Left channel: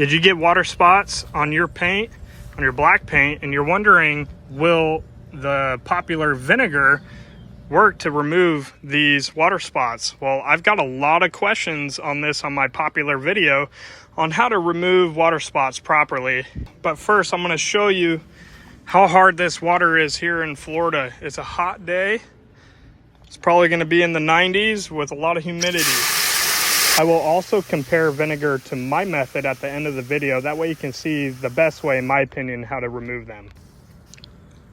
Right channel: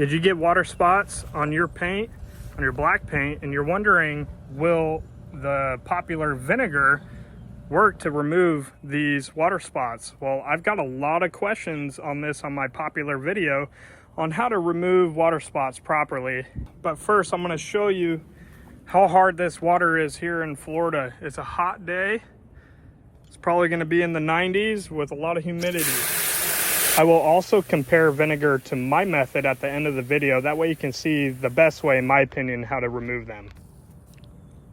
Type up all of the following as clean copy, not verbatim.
Did you get water spots on your paint, on your black paint, and you're wondering, will the popular vinegar work to remove these water spots? Well, I've got a lot of questions on this on my popular video on how to remove water spots properly. But first, I'm going to show you how hard this water is here in Florida. It's a hot day. It's probably going to be in the 90s with a lot of humidity. I will also compare vinegar to my method at the end of the video. That way you can see the best way, in my opinion, how to remove them.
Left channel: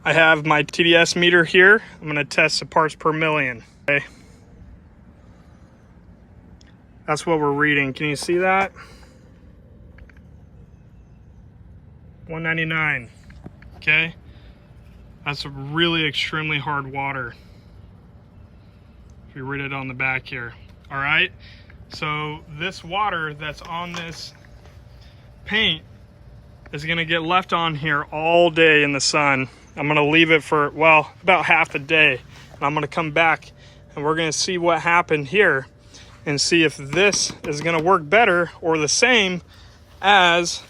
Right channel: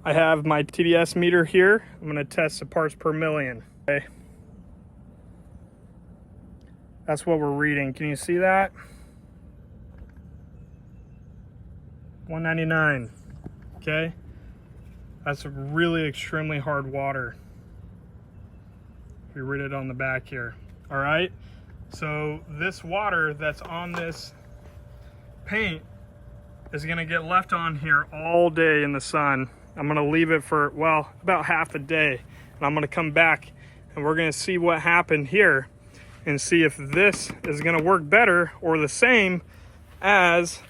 I have my TDS meter here. I'm going to test the parts per million. Okay. That's what we're reading. Can you see that? 199. Okay. That's a really extremely hard water. If you read it on the back here. All right. So this water that's on this paint is going to get left on here all day in the sun. I'm going to leave it for, well, about half a day. And I'm going to come back and we're going to see what happened here and see if this is going to work better or the same as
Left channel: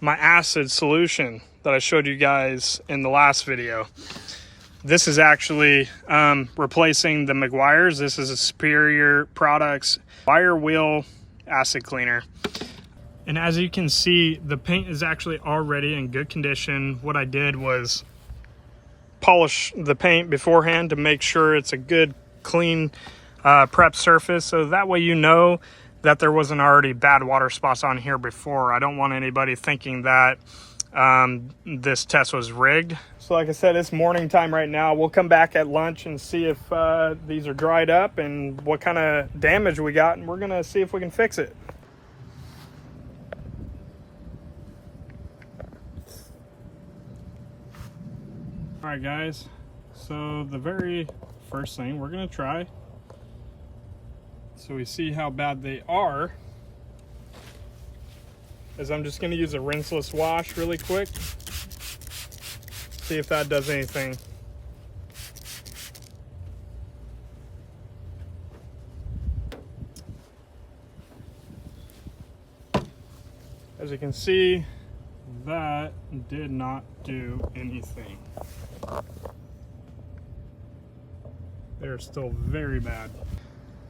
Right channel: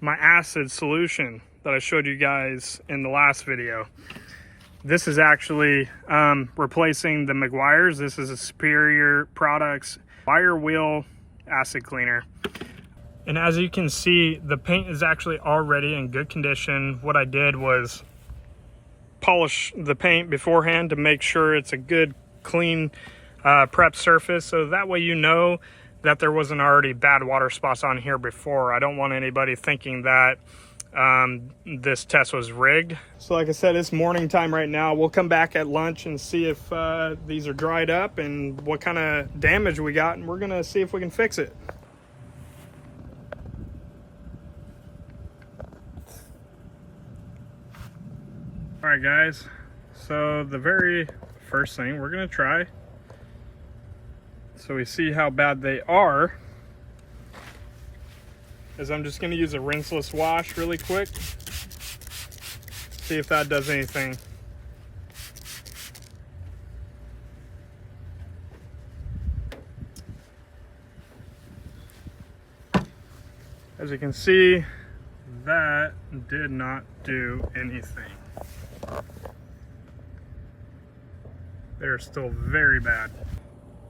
my acid solution that I showed you guys in the last video. This is actually replacing the Meguiar's. This is a Superior Products wire wheel acid cleaner. And as you can see, the paint is actually already in good condition. What I did was polish the paint beforehand to make sure it's a good, clean, prep surface. So that way you know that there wasn't already bad water spots on here before. I don't want anybody thinking that this test was rigged. So like I said, it's morning time right now. We'll come back at lunch and see if these are dried up and what kind of damage we got, and we're gonna see if we can fix it. All right, guys. So the very first thing we're gonna try, so we see how bad they are, is I'm just gonna use a rinseless wash really quick. See if that does anything. As you can see, that did not do anything. They're still very bad.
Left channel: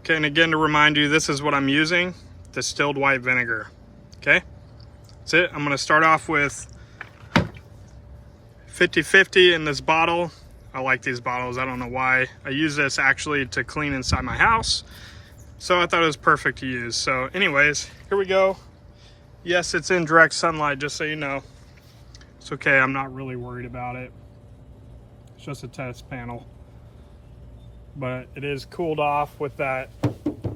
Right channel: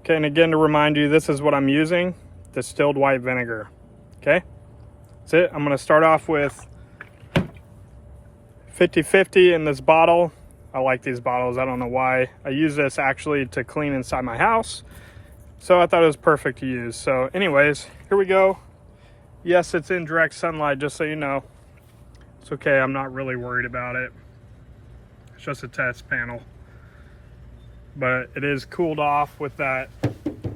Okay, and again, to remind you, this is what I'm using, distilled white vinegar. Okay, that's it. I'm gonna start off with 50-50 in this bottle. I like these bottles, I don't know why. I use this actually to clean inside my house, so I thought it was perfect to use. So anyways, here we go. Yes, it's in direct sunlight, just so you know. It's okay, I'm not really worried about it. It's just a test panel. But it is cooled off with that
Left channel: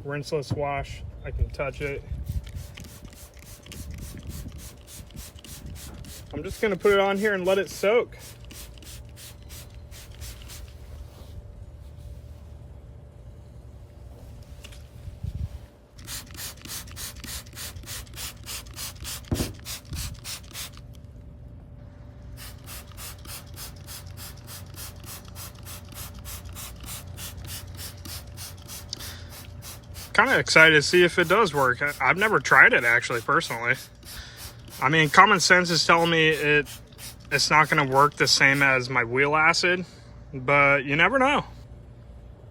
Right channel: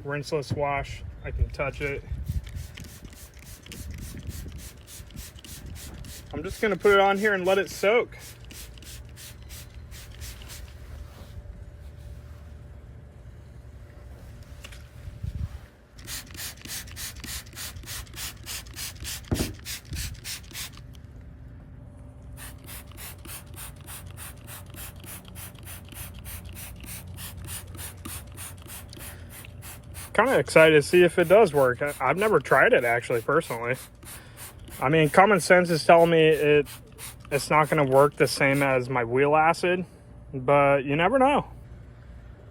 rinseless wash. I can touch it. I'm just gonna put it on here and let it soak. Kind of excited to see if it does work. I've never tried it actually, personally. I mean, common sense is telling me it's not going to work the same as my wheel acid, but you never know.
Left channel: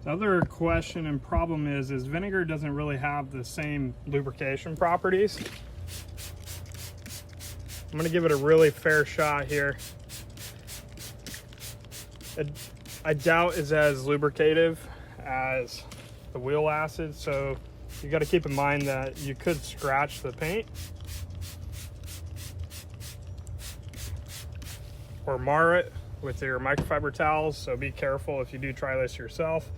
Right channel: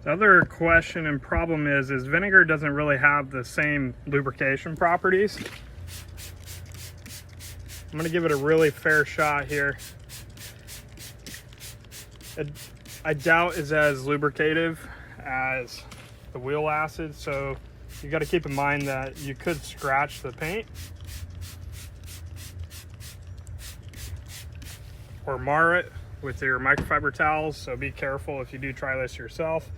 The other question and problem is vinegar doesn't really have the same lubrication properties. I'm going to give it a really fair shot here. I doubt it's as lubricative as the wheel acid, so you got to keep in mind that you could scratch the paint or mar it with your microfiber towels, so be careful if you do try this yourself.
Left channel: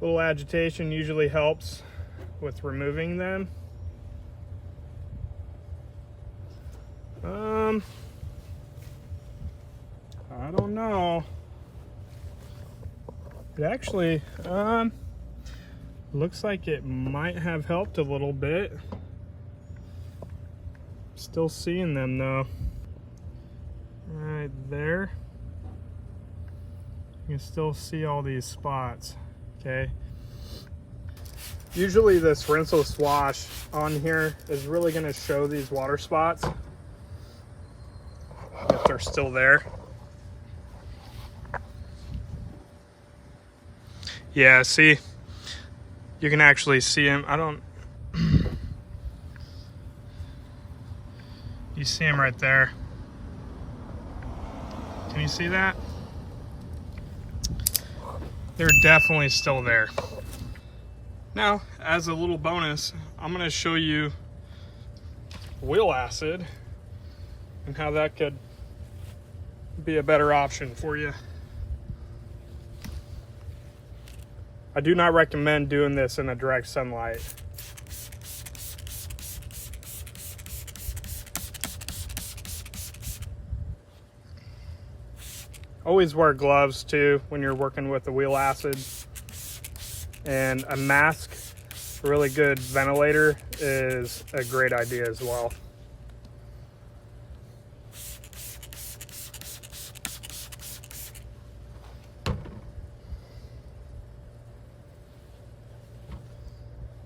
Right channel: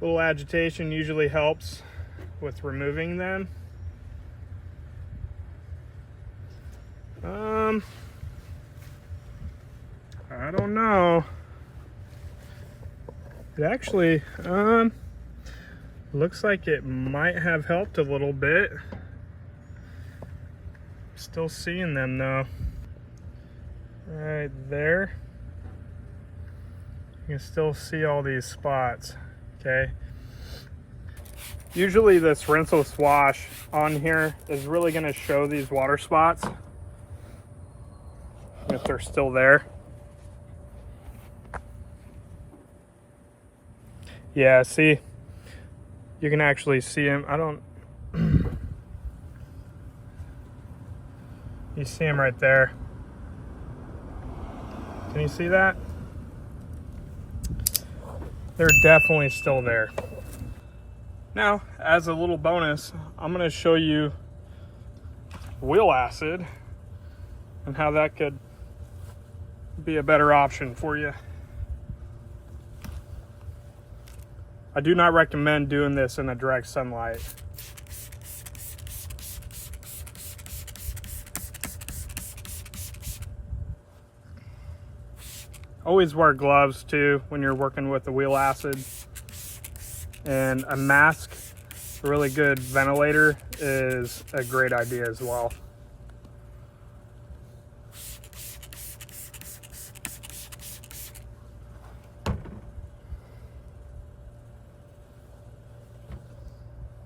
A little agitation usually helps with removing them. I don't know. It actually looks like it might have helped a little bit. Still seeing them though. Right there. You can still see all these spots. Okay. Usually this rinseless wash on here is really going to show these water spots if they're still there. Yeah, see, you can actually see them. You see them right there. Can you see that? They're definitely still there. Now, as a little bonus, I'm going to show you wheel acid and how that could be a better option for you. I do not recommend doing this in the direct sunlight. Always wear gloves too when you're working with the wheel acid. And a mask, a really good ventilator, is a great idea as well.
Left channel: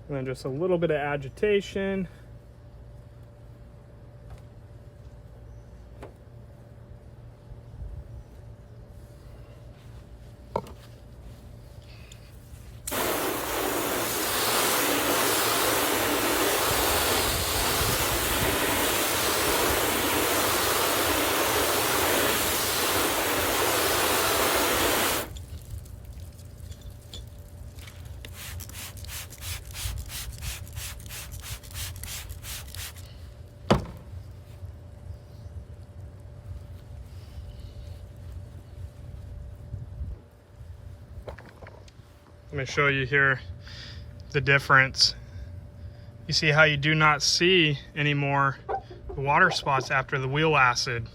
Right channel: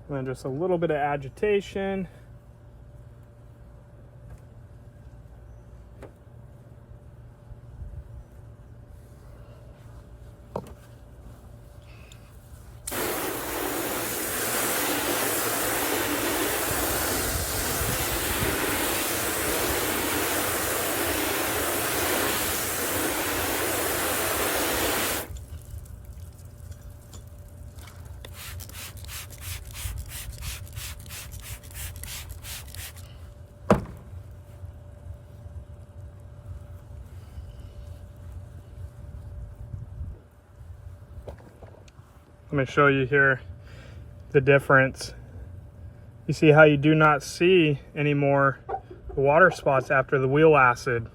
And then just a little bit of agitation. Let me show you here the difference. You see how you do not see anymore the water spots after the wheel acid.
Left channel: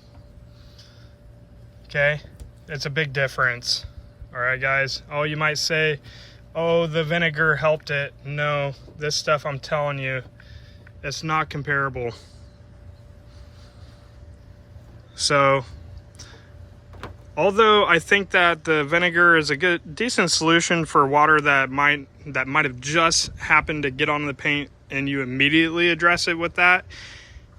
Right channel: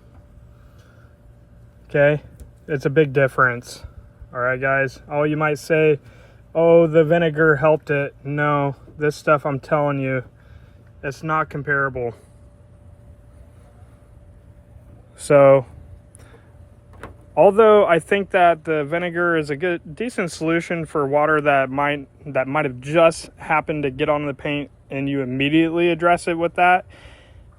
Okay, it's a big difference. All right, guys. Oh, you might say, oh, the vinegar helped it. No, this stuff, I'm telling you, it's not comparable. So, although I think that the vinegar is a decent solution for water that might have just happened to get on the paint and you immediately address it with that,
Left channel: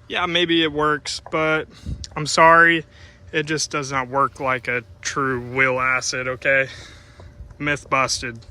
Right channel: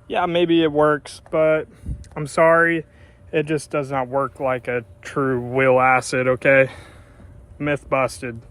yeah, maybe it works, but I'm sorry, it just does not work like a true wheel acid, okay? Myth busted.